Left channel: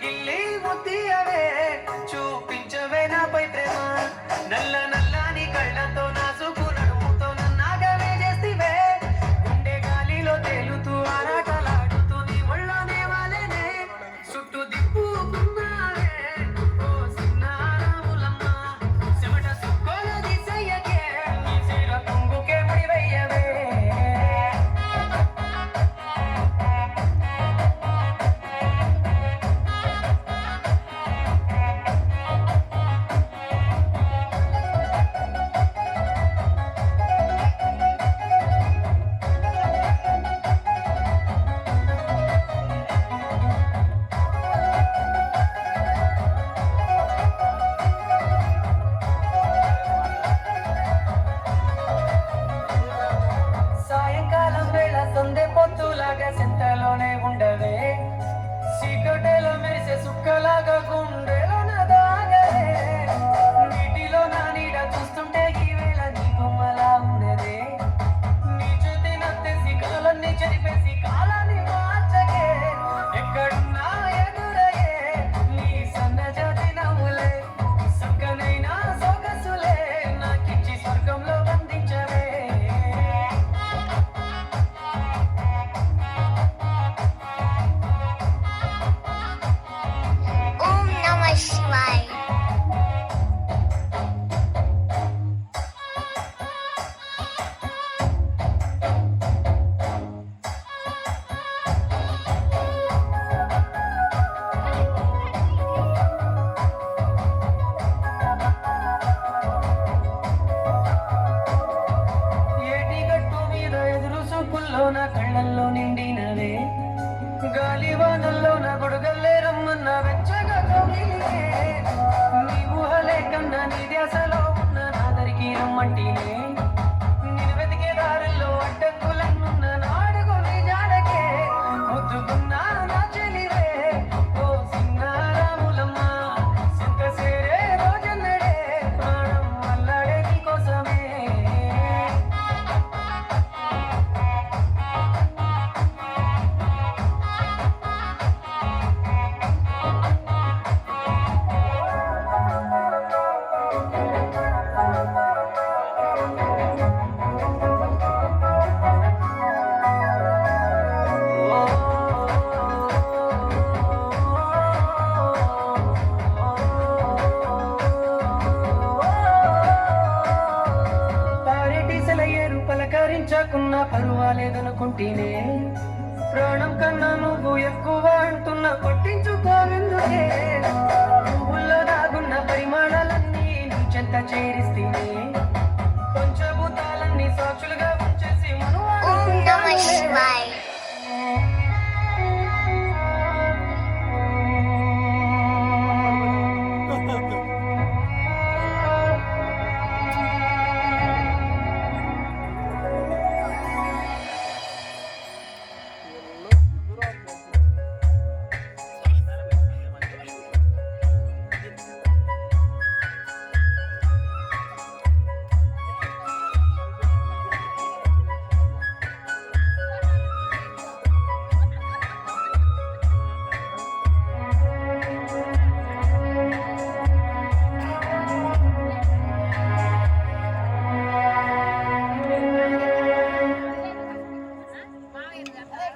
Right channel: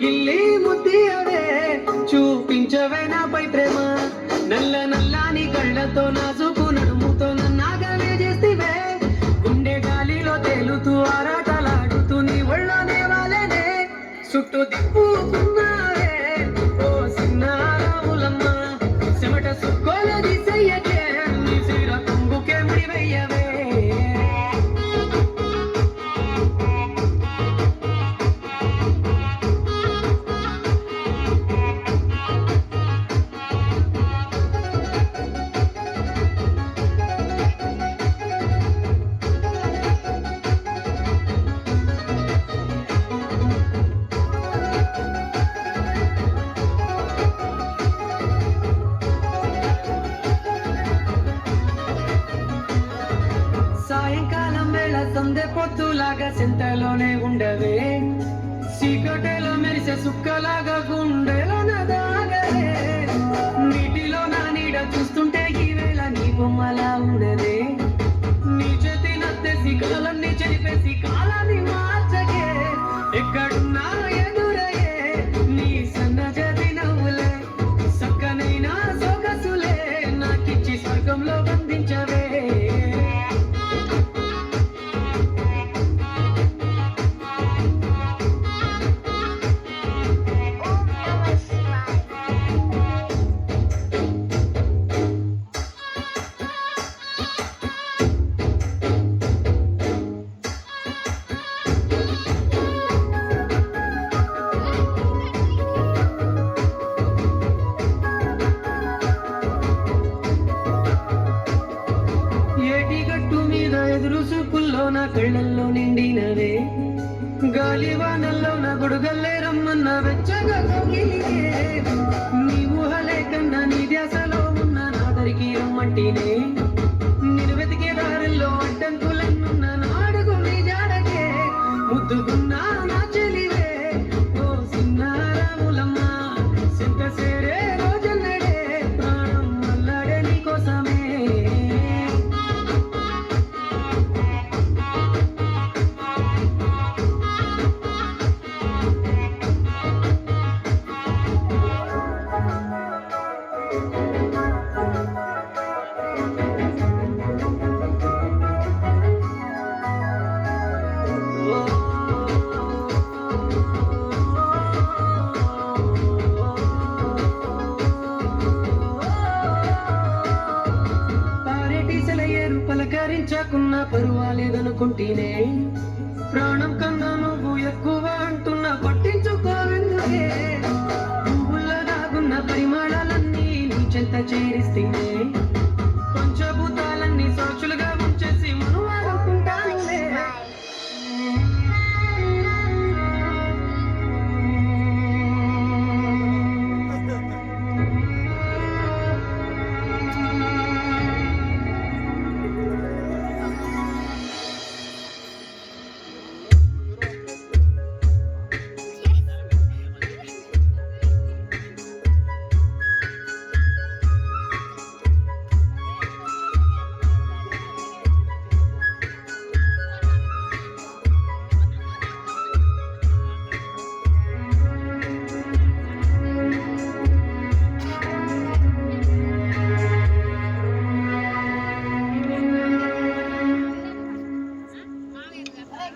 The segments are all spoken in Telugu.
గిల్లి ముద్దియవే చూపించవే నాపై ప్రేమ నల్ల నల్లాని కళ్ళతో నాజుకు నడుముతో నన్నాగవే చేస్తివే గుండె గాలిలో తేలుతూ ఆరాటలాడుతూ నీ ఒళ్ళోనే వాలేనే చుట్టూ తిప్పుకున్నావే ఓ సిన్నారాములమ్మ సిమట సుక్కోల దిశయ్యకే నీ సిర కొంగుకే ముడివయ్యవే సందే పొత్తులాగా సెంటలోనే ఉండవే సీకటలో మెరిసే సుక్కలాగా గుండెలో నదాగలే నీటిలో నా నీడ చూస్తుంటే ఈవేళ నీ బొమ్మలా ఉండదే నీ చేతి నత్తేసి కాలన్నీ చెరిపేసి కాలాన్ని మార్చగే ఎక్కడున్నా ఎదురయ్యే నీ సన్నజాతి నవ్వులే సక్కనైనా సొగసులే నాకిచ్చి స్వర్గంలో బంధించవే నా కళ్ళల్లో నిండినవే గాలి వానల్లో నా గొడుగల్లే రమ్మన్న వెచ్చగా కోగిలే నీ ఊహలే కన్నా నీ ధ్యాసలో ఉన్న నాదరికి రమ్మంటినే నేను వెతికే దారుల్లో అడ్డంకులన్నున్న నాడుగు నీ జాడకే ముద్దుకున్నా నా చెలివే ఓ సిన్నారాములమ్మ సింత సేరే రోజన్నడే ప్రాణం అల్లాడే నీ కోసమే పలకరించకున్నా పర్వాలేదనుకుంటేనే ప్రాణం కన్నా నువ్వు ఎక్కువ అంటున్నా పట్టించుకోవెందుకే పువ్వుల్లో దాగున్న పరిమాణాలన్నీ నీ చెంత చేరిస్తేనే పంచభూతాలన్నీ సాక్షులుగా ఉంచేసి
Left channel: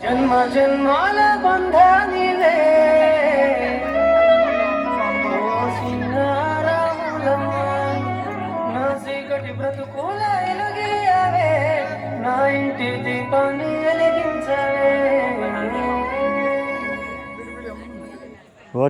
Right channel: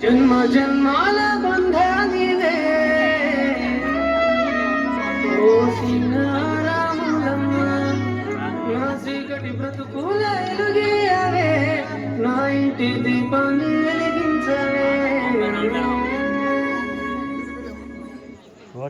జన్మ జన్మాల బంధానివే ఓ సిన్నారాములమ్మ నా చీకటి బ్రతుకుల వెలుగియవే నా ఇంటి దీపాన్ని వెలిగించవే